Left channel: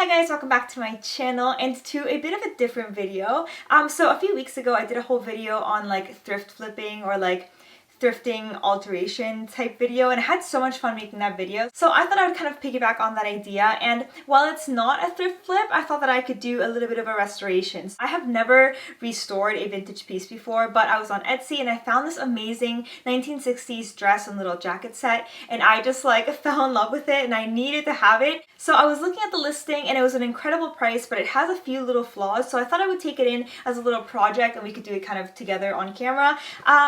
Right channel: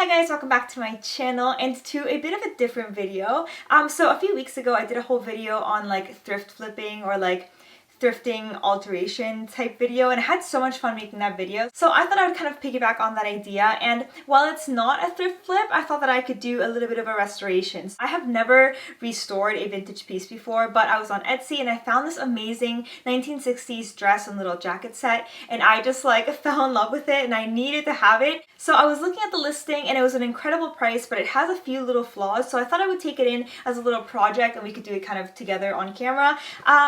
Hi guys, welcome back to my channel and to a bit of a different video. So a few weeks ago I did a whole video on like thrift flipping or like thrifting alteration type video, and I had so much fun making that video. So I thought I would kind of piggyback on that idea, and while it's not a thrift flip, I thought that I could do a little bit of a restoration. I have never restored a vintage piece before, but I was on Etsy and I found this amazing 1960s dress and little jacket set, and I just like fell in love with it and I needed to have it. So I was looking at the listing and it was an incredible price, but it has a few little flaws, so I thought I would take it in as a little project and we could do it kind of together on camera.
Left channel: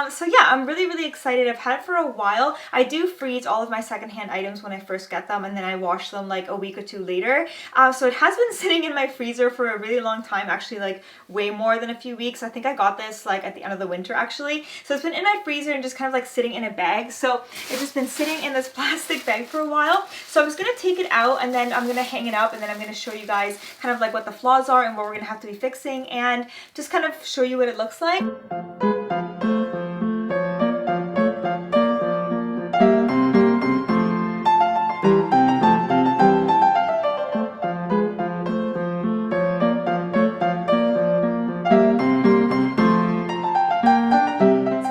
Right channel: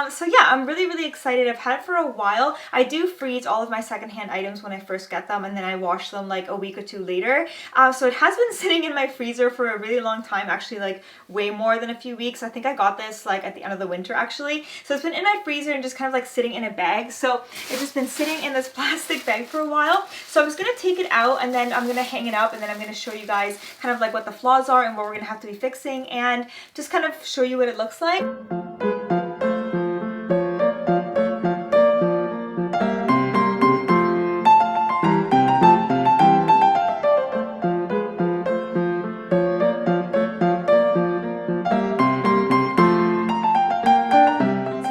So yeah, I'm really excited. I've had it for a while. I do freeze all of my secondhand items when I first get them, and then I wash them like a week or two later. So it has been sitting in my freezer for a really long time, actually like way more than a few weeks. I think I got this like at the end of the winter actually. So it's been in my freezer and just kind of like sitting in a bag. So it's just been sitting in this plastic bag for a while. So I'm just going to take it out and then I'm going to hang it up, and then I'm going to show you guys kind of like what the flaws are and what we're going to have to be fixing, and just kind of show you what it looks like.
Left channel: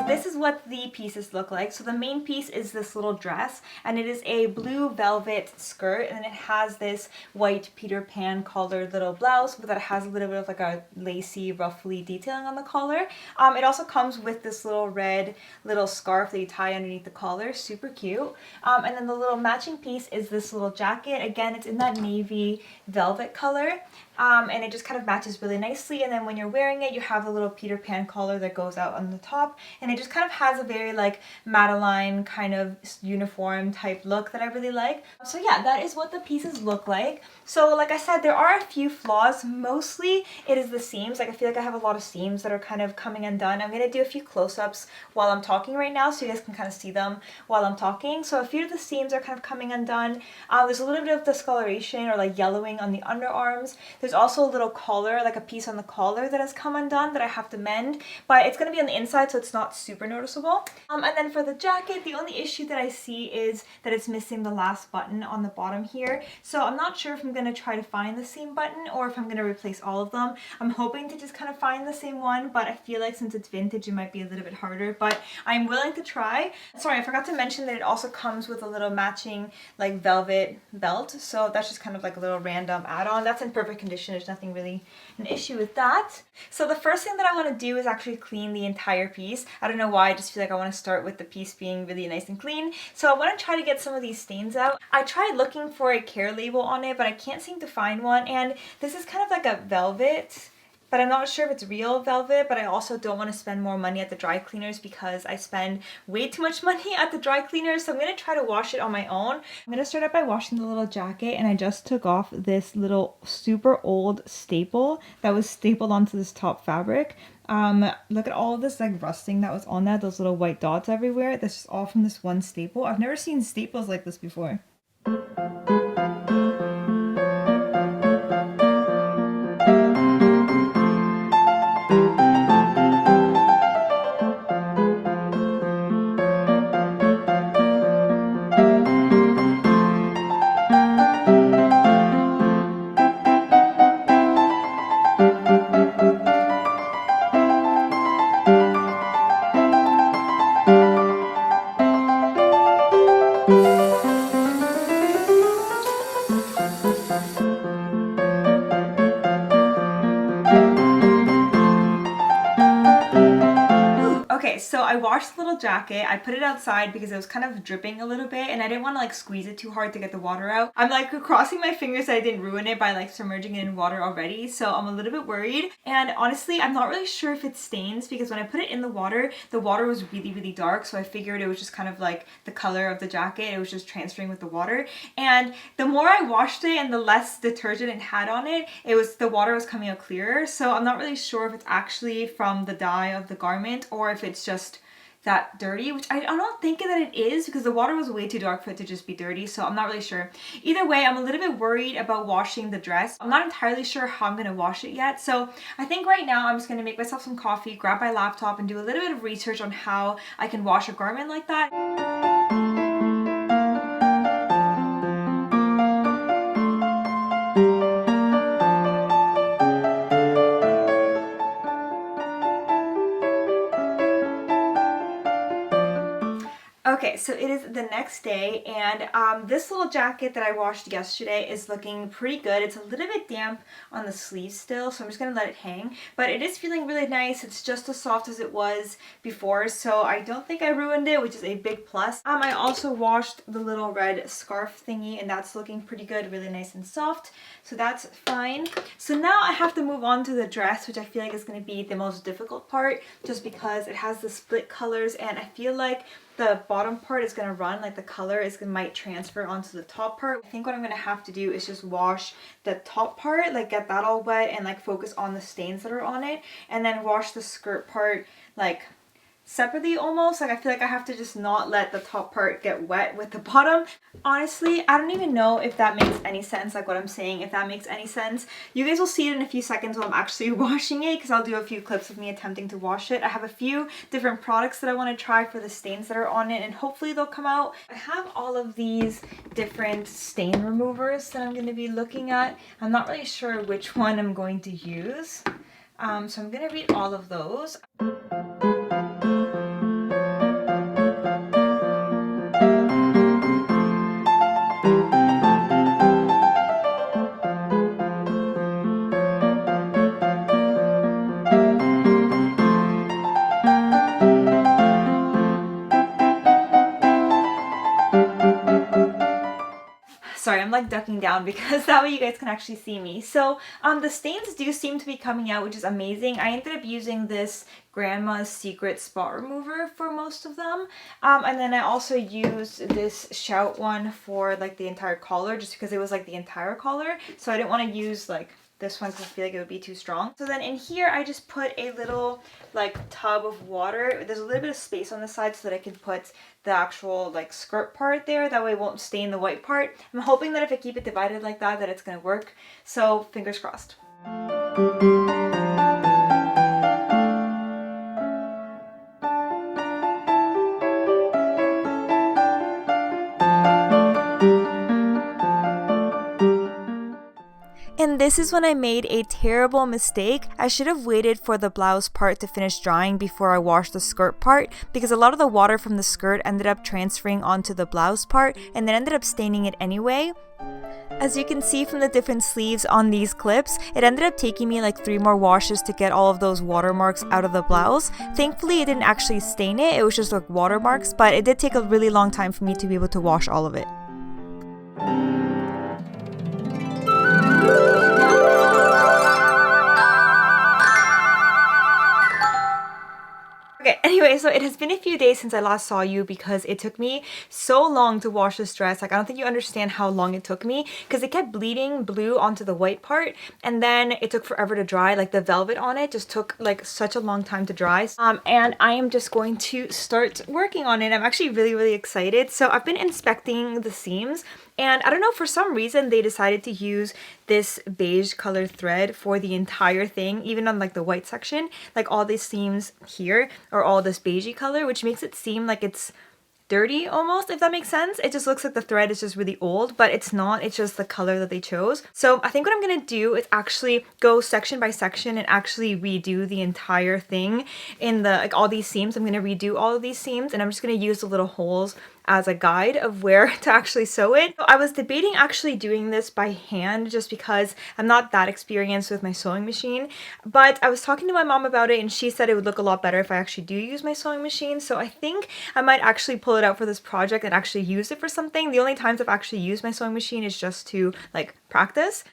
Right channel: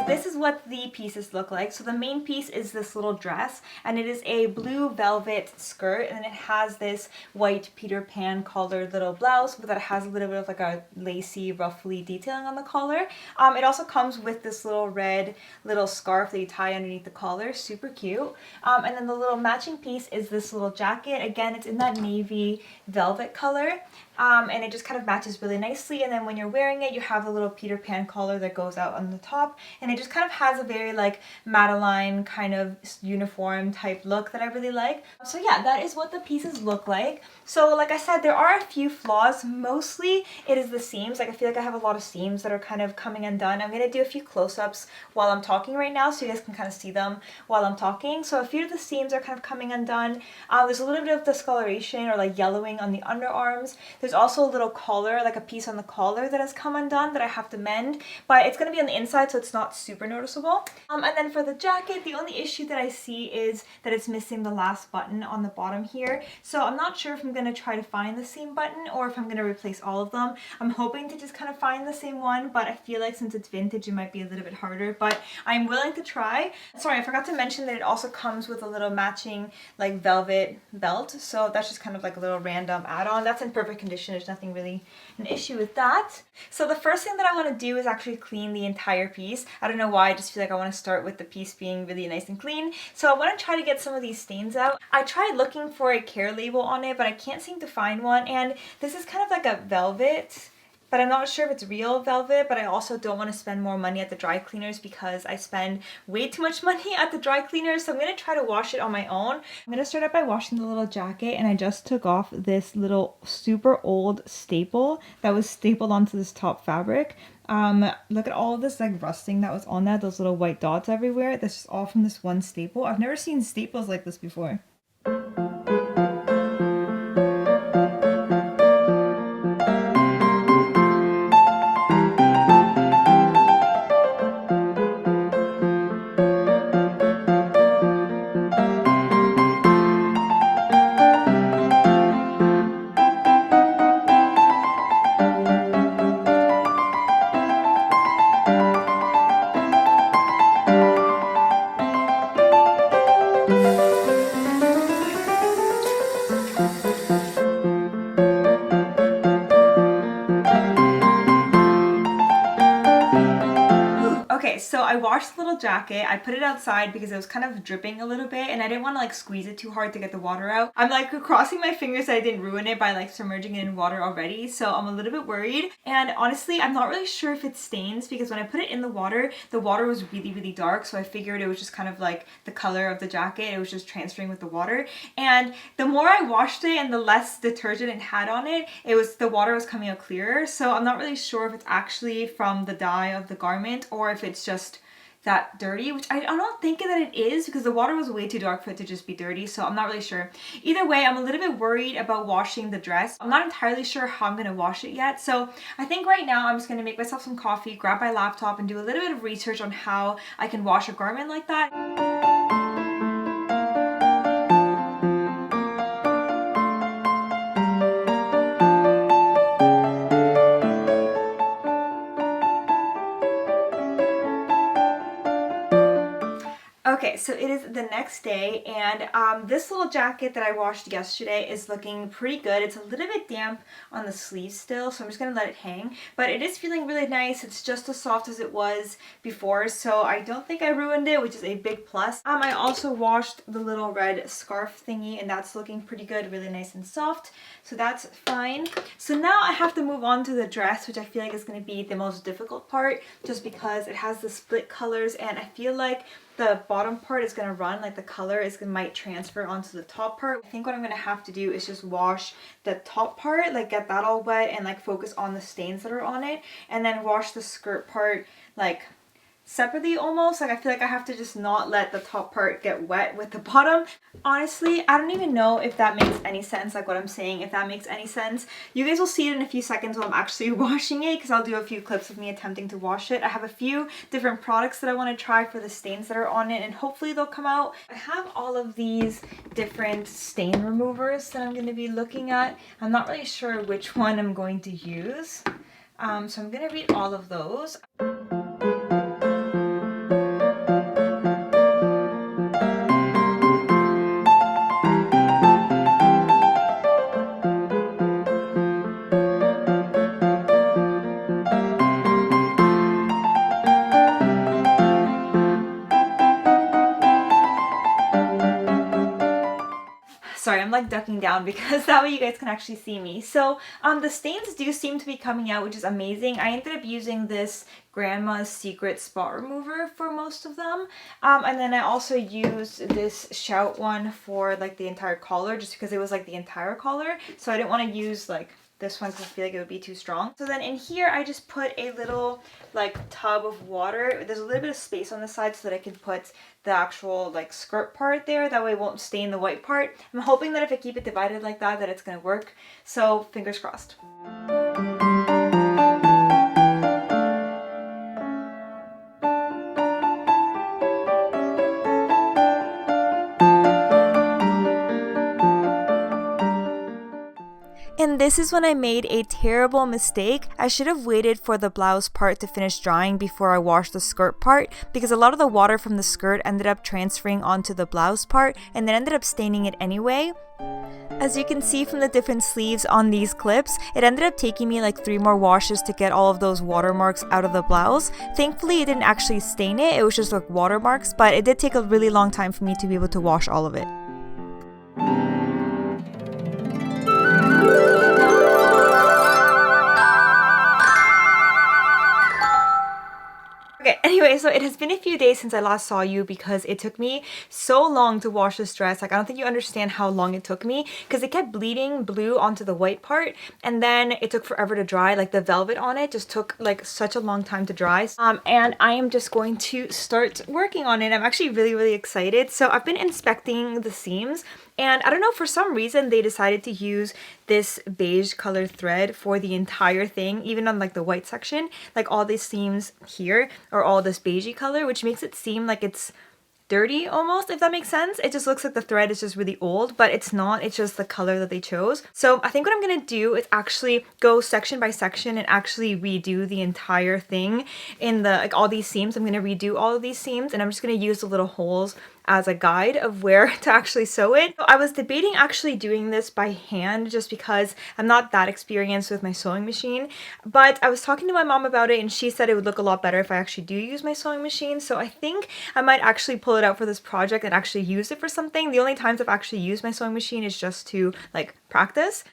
This is what the pieces look like. So the main piece is this little dress, and it is a blue velvet skirt, and it has this white Peter Pan collared little blouse, but that has a little bit of like a lacy, ruffly detailing on the collar. It also comes with this little red little scarf that you tie underneath the collar, super cute. And then the little matching piece is this little jacket. Again, it's in that navy velvet color. And it just kind of matches really nicely, and then when you're wearing it you have a little Peter Pan collar that goes out on the top, and it just kind of has a very like Madeline kind of uniform type look that I really like. So yeah, that is what the pieces look like. So like I said, there are a few flaws. Mostly it is the seams. Like I feel like I have a lot of seams that are kind of coming undone. I'm going to do a few close-ups while I'm talking right now so you guys can kind of see them while I'm talking. So a few of the seams are kind of coming undone. There's a little bit of discoloration or like yellowing on the underarms. There's also a little collar, like a piece on the collar that has come undone that I have to mend, but it's going to be on the inside so it's not super noticeable. And then for the jacket, the only issue that I see is that it's missing the last button on the bottom here. So I'm not sure if I'm going to try to find the same button or if I'm going to replace all of them. I'm hoping to just kind of find the same one, but I feel like since it's vintage it might be a little bit harder, but I'm willing to try. Sorry, I forgot to mention that it also comes with a little matching like velvet belt, so that's just kind of like a little random add-on. That's in perfect condition. There's nothing really an issue with that. So the first thing that I want to do is actually clean the entire piece. I don't know why, I just feel like I want to start with the piece being really nice and clean. So I want to try to get some of these stains out. I tried looking for a care label on it, but I can't seem to find one, and this is kind of like a velvet, but I'm not sure if it's real velvet, but I also don't want to spend more money at the dry cleaners because I spend way too much money at the dry cleaners, so I'm going to try to wash it on my own. I'm going to start out by washing the little jacket, and I just took off this little super old staple that was stapled onto this top fabric. Look at all of this like rusting that was on that, those little white dots everywhere. That's just all from this one staple. I've never seen staples like this before. Okay, so I washed the little jacket. I put it outside because it was kind of dripping a little bit and I didn't want to like squeeze it too hard to get the water out. I'm like crossing my fingers that I didn't ruin it by like submerging it in water already, so I'm a little bit worried. And honestly, I'm not really sure if it stains because when I put it in the water was really dark, so I figured it was just kind of like the color of the jacket. It was just transferring with the water. And the more I washed it and the less detergent it had on it, the water was coming out clearer. So I'm not really sure if it's actually from the dye of the garment or if it's just that dirty, which I'm not thinking that it is because the water was way too dark for it to just be dirty, so I'm not really sure. Either way, I'm a little bit worried about washing the dress. I'm not entirely sure how I'm going to wash it yet, so I think right now I'm just going to make myself some coffee, grab my laptop, and do a little bit of research on how I can wash a garment like that. Okay, so it is the next day, and this little jacket that I washed yesterday is looking pretty good. It's a little bit damp on the sleeves still, so I'm just going to let it hang. But it is feeling really nice. It's just as soft as it was before, so I don't think I ruined it, which is a big plus. I also washed the little red scarf thingy, and that's looking pretty good, really nice and soft. So that's fine. So now I have to move on to the dress, which I feel like is going to be the most difficult part, just because it has the split colors, and I feel like the bottom part is going to run, like the color might transfer onto the top part. I think what I'm going to have to do is just wash the top part, like get that all wet and like focus on the stains that are on it, and then wash the skirt part like separately almost. Like I feel like I have to just not let the top part get wet with the bottom. Honestly, I don't even know if that makes any sense, like what I'm saying, if that makes any sense. You guys will see it in a few seconds while I'm actually washing it, because I'll do a few clips of me attempting to wash it. I have a few different products that I want to try for the stains that are on it, and hopefully they'll come out. I have all of these different stain removers that I'm going to be looking at. I'm not really sure which one I'm going to use, so I'm going to read all of those. Sorry, I'm like ducking down because that way you guys can actually see me. So the stains do seem to be coming out, which is amazing. I ended up using this Grandma's Secret Spot Remover for most of them. And then I also used this Shout one for like the entire collar, just because it was like the entire collar. So I didn't want to use like this one because I feel like it would be too strong. So then in here I just put a little like tub of water. There's a little bit of space on the side so that I can put the actual like skirt part there. That way it won't stain the white part. I'm hoping that if I keep it divided like that it's gonna work. So fingers crossed. And this is when I made a terrible mistake. I should have waited for the blouse part to finish drying before I washed the skirt part, because a lot of the water from the skirt ended up transferring onto the blouse part and then ended up staining it anyway. As you can see from the different sleeves on these clips, it ended up taking me like 3 more washes to get all of those watermarks out of the blouse. Thankfully, it didn't actually stain it, it was just like watermarks, but it did take a really long time for me to be able to wash all of it. Okay, anyway, so it has been a few days since I last saw you because it took me so long to wash this dress. Like, I don't think you understand how long it took me, because it kept bleeding blue onto the white part, and then it took forever to dry. Like, the velvet on it just took like such a long time to dry. And I am just going to start working on it. I'm actually really excited. So I've been inspecting the seams, and I don't know, for some reason they decided to use this beige color thread for the entire thing, even on like the white section. Like all these seams here are all this beigey color, which makes it seem like it's dirty almost, if that makes sense. It just looks like the thread is just really old, but it's not. It's just the color that they chose. So I think what I'm gonna do is actually go section by section and actually redo the entire thing in the like all these seams. I'm gonna redo all of these seams, and I'm just gonna use the little holes as a guide of where to actually sew it. So I was debating actually doing this by hand just because I'm not that experienced with my sewing machine, but I was talking to my mom about it and she said it would look a lot better if I actually do use my sewing machine. So I think I might actually pull it out for this project and actually use it for something. The only times I've actually used my sewing machine is just to like practice.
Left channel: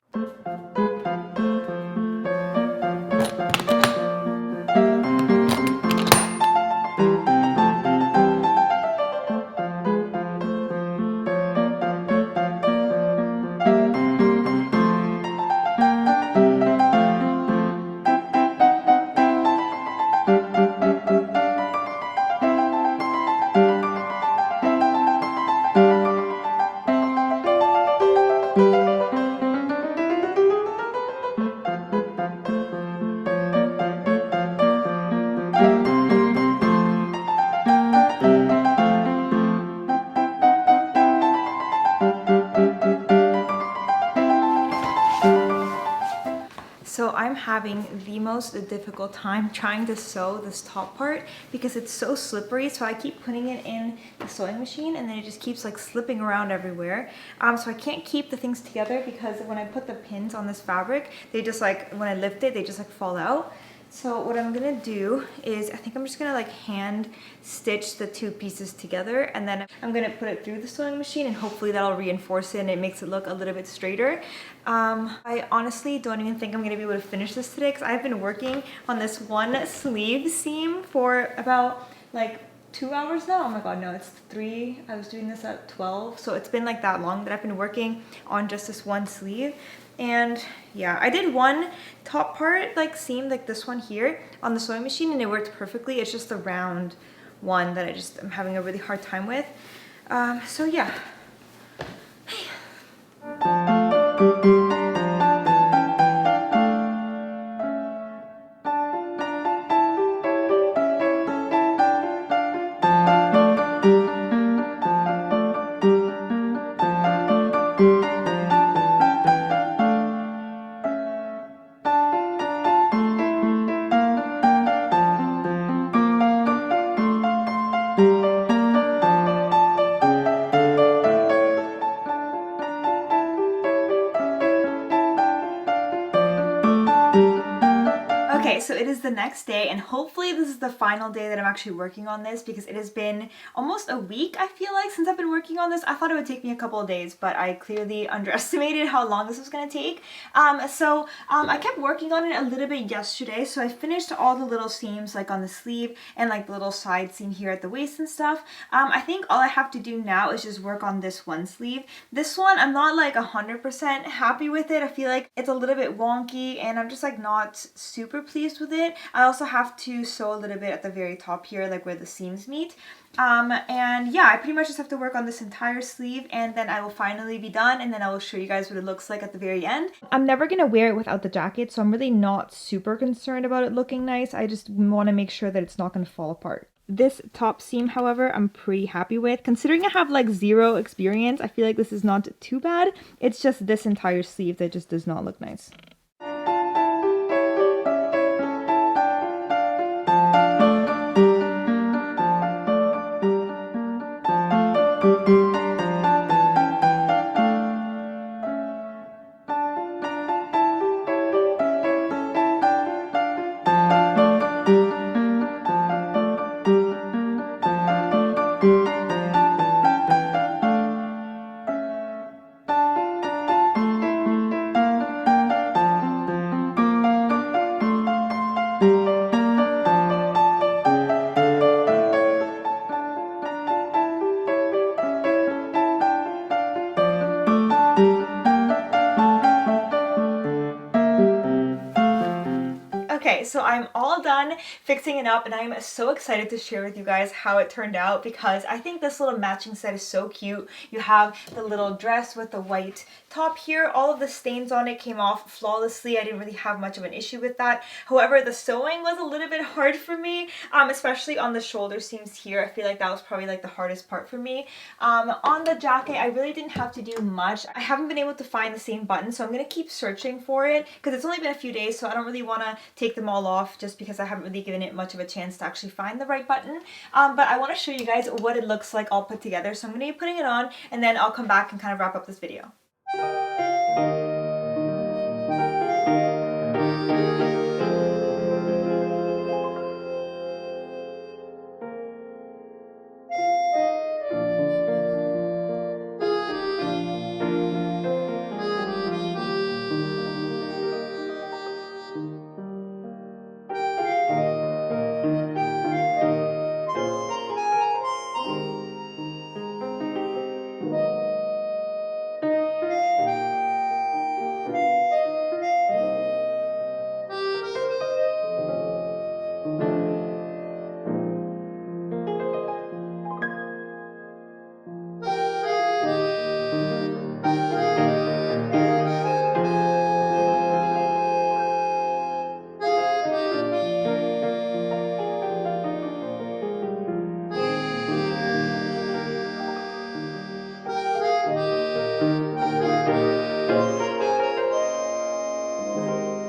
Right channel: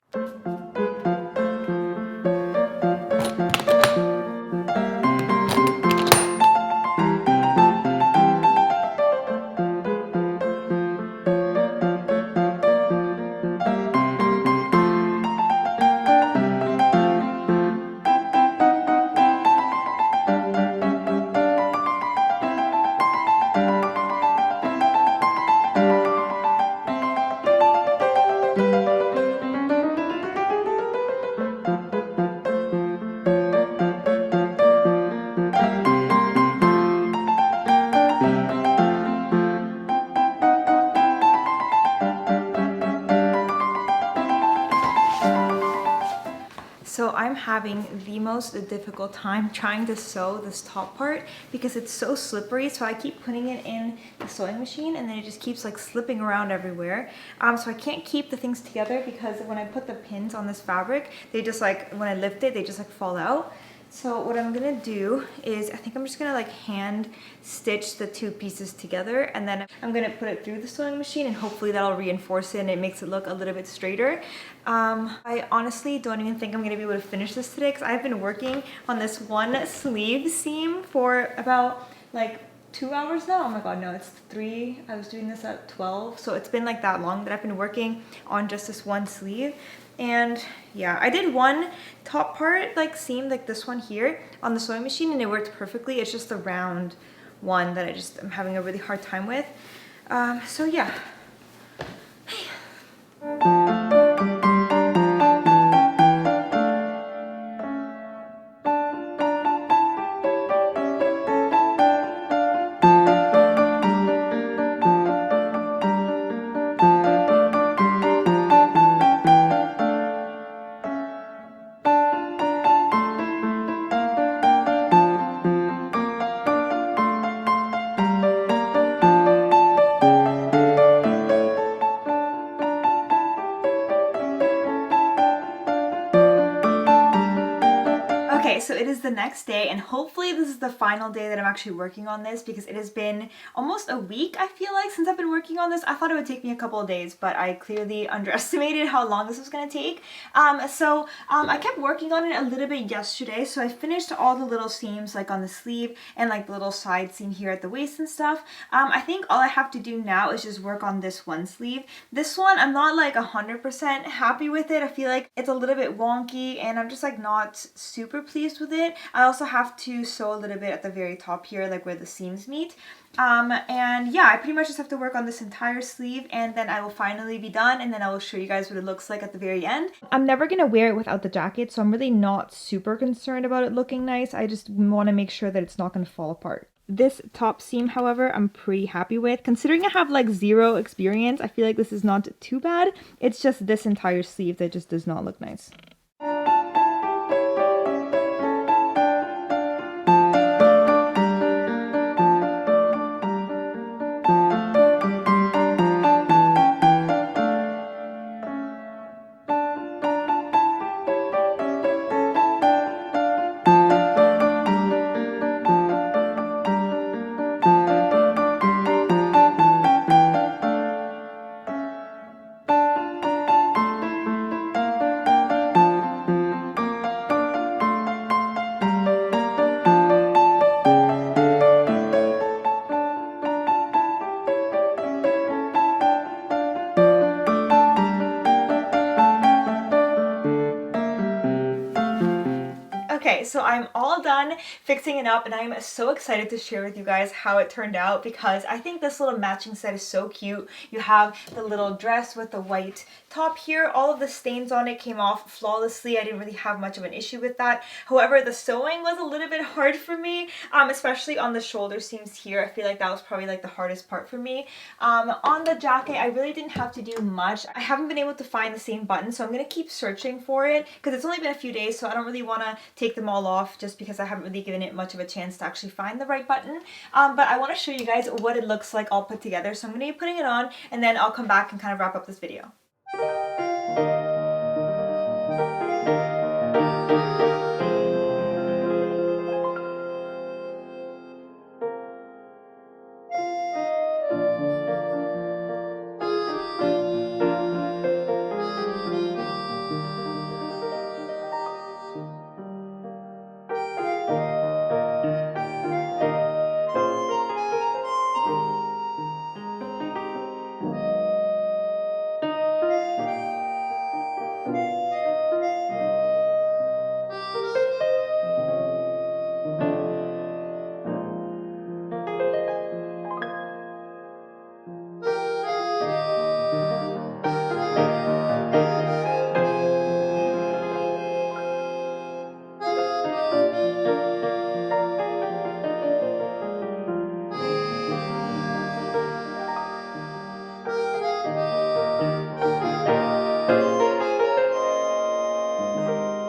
So I'm having the most difficult time trying to sew this top part because it's so slippery. So I keep putting it in the sewing machine and then it just keeps like slipping around everywhere. So I can't keep the things together because when I put the pins on this fabric, they just like, when I lift it, they just like fall out. So what I'm gonna do is, I think I'm just gonna like hand stitch the two pieces together, and then I'm gonna put it through the sewing machine and hopefully that'll reinforce it and it makes it look a little bit straighter. I honestly don't even think I'm gonna be able to finish this today because I've been working on this one sleeve seam for about like 2 hours now. Oh my god, no, it's 3. I was doing this at 12, so it's been like that long that I've been working on just this one sleeve. And yeah, I did one top part like seam like this one here on the sewing machine and it worked perfectly. It's just the round one that I'm having a really hard time with. So yeah. Okay, so it is the next day and hopefully this is the final day that I'm actually working on this because it has been almost a week, I feel like, since I've been working on this. I thought it would take me a couple of days, but I clearly underestimated how long this was going to take. I kept working on it a little bit yesterday, so I finished all the little seams like on the sleeve and like the little side seam here at the waist and stuff. I think all I have to do now is just work on this one sleeve. This one, I'm not like 100% happy with it. I feel like it's a little bit wonky and I'm just like not super pleased with it. I also have to sew a little bit at the very top here, like where the seams meet. And yeah, I pretty much just have to work on this entire sleeve and then I will finally be done and then I will show you guys what it looks like at the very end. I'm never gonna wear it without the jacket, so I'm really not super concerned about it looking nice. I just want to make sure that it's not gonna fall apart. This top seam, however, I'm pretty happy with. Considering I have like 0 experience, I feel like this is not too bad. It's just this entire sleeve that just does not look nice. Okay, so I'm all done fixing it up and I'm so excited to share with you guys how it turned out because I think this little matching set is so cute. You have the little dress with the white top here. All of the stains on it came off flawlessly. I didn't really have much of an issue with that. However, the sewing was a little bit hard for me, especially on the shoulder seams here. I feel like that was probably like the hardest part for me. On the jacket, I really didn't have to do much. I haven't been able to find the same button, so I'm going to keep searching for it because it's only been a few days, so I don't really want to take them all off just because I haven't really given it much of a chance to actually find the right button. But I want to show you guys what it looks like all put together. So I'm going to be putting it on and then I'll come back and kind of wrap up this video.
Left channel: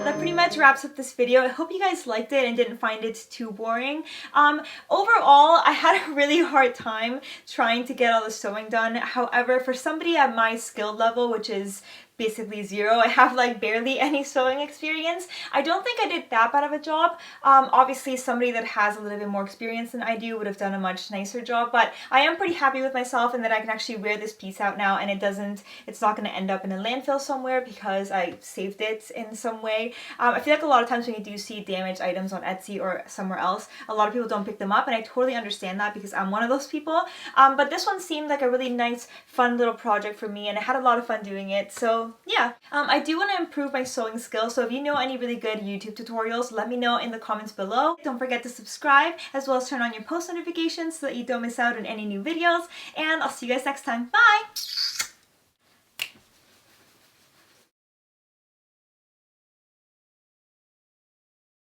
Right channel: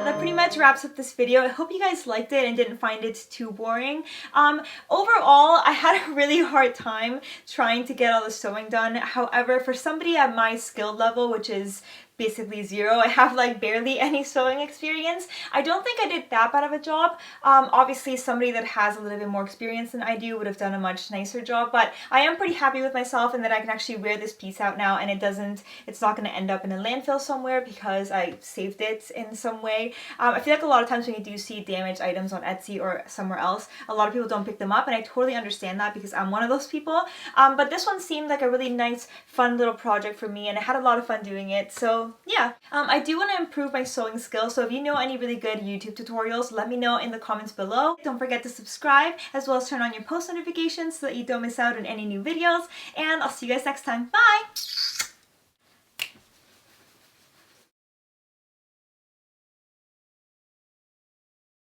that pretty much wraps up this video. I hope you guys liked it and didn't find it too boring. Overall, I had a really hard time trying to get all the sewing done. However, for somebody at my skill level, which is basically zero, I have like barely any sewing experience, I don't think I did that bad of a job. Obviously somebody that has a little bit more experience than I do would have done a much nicer job, but I am pretty happy with myself and that I can actually wear this piece out now and it's not going to end up in a landfill somewhere because I saved it in some way. I feel like a lot of times when you do see damaged items on Etsy or somewhere else, a lot of people don't pick them up, and I totally understand that because I'm one of those people. But this one seemed like a really nice, fun little project for me, and I had a lot of fun doing it. So yeah, I do want to improve my sewing skills, so if you know any really good YouTube tutorials, let me know in the comments below. Don't forget to subscribe as well as turn on your post notifications so that you don't miss out on any new videos, and I'll see you guys next time. Bye!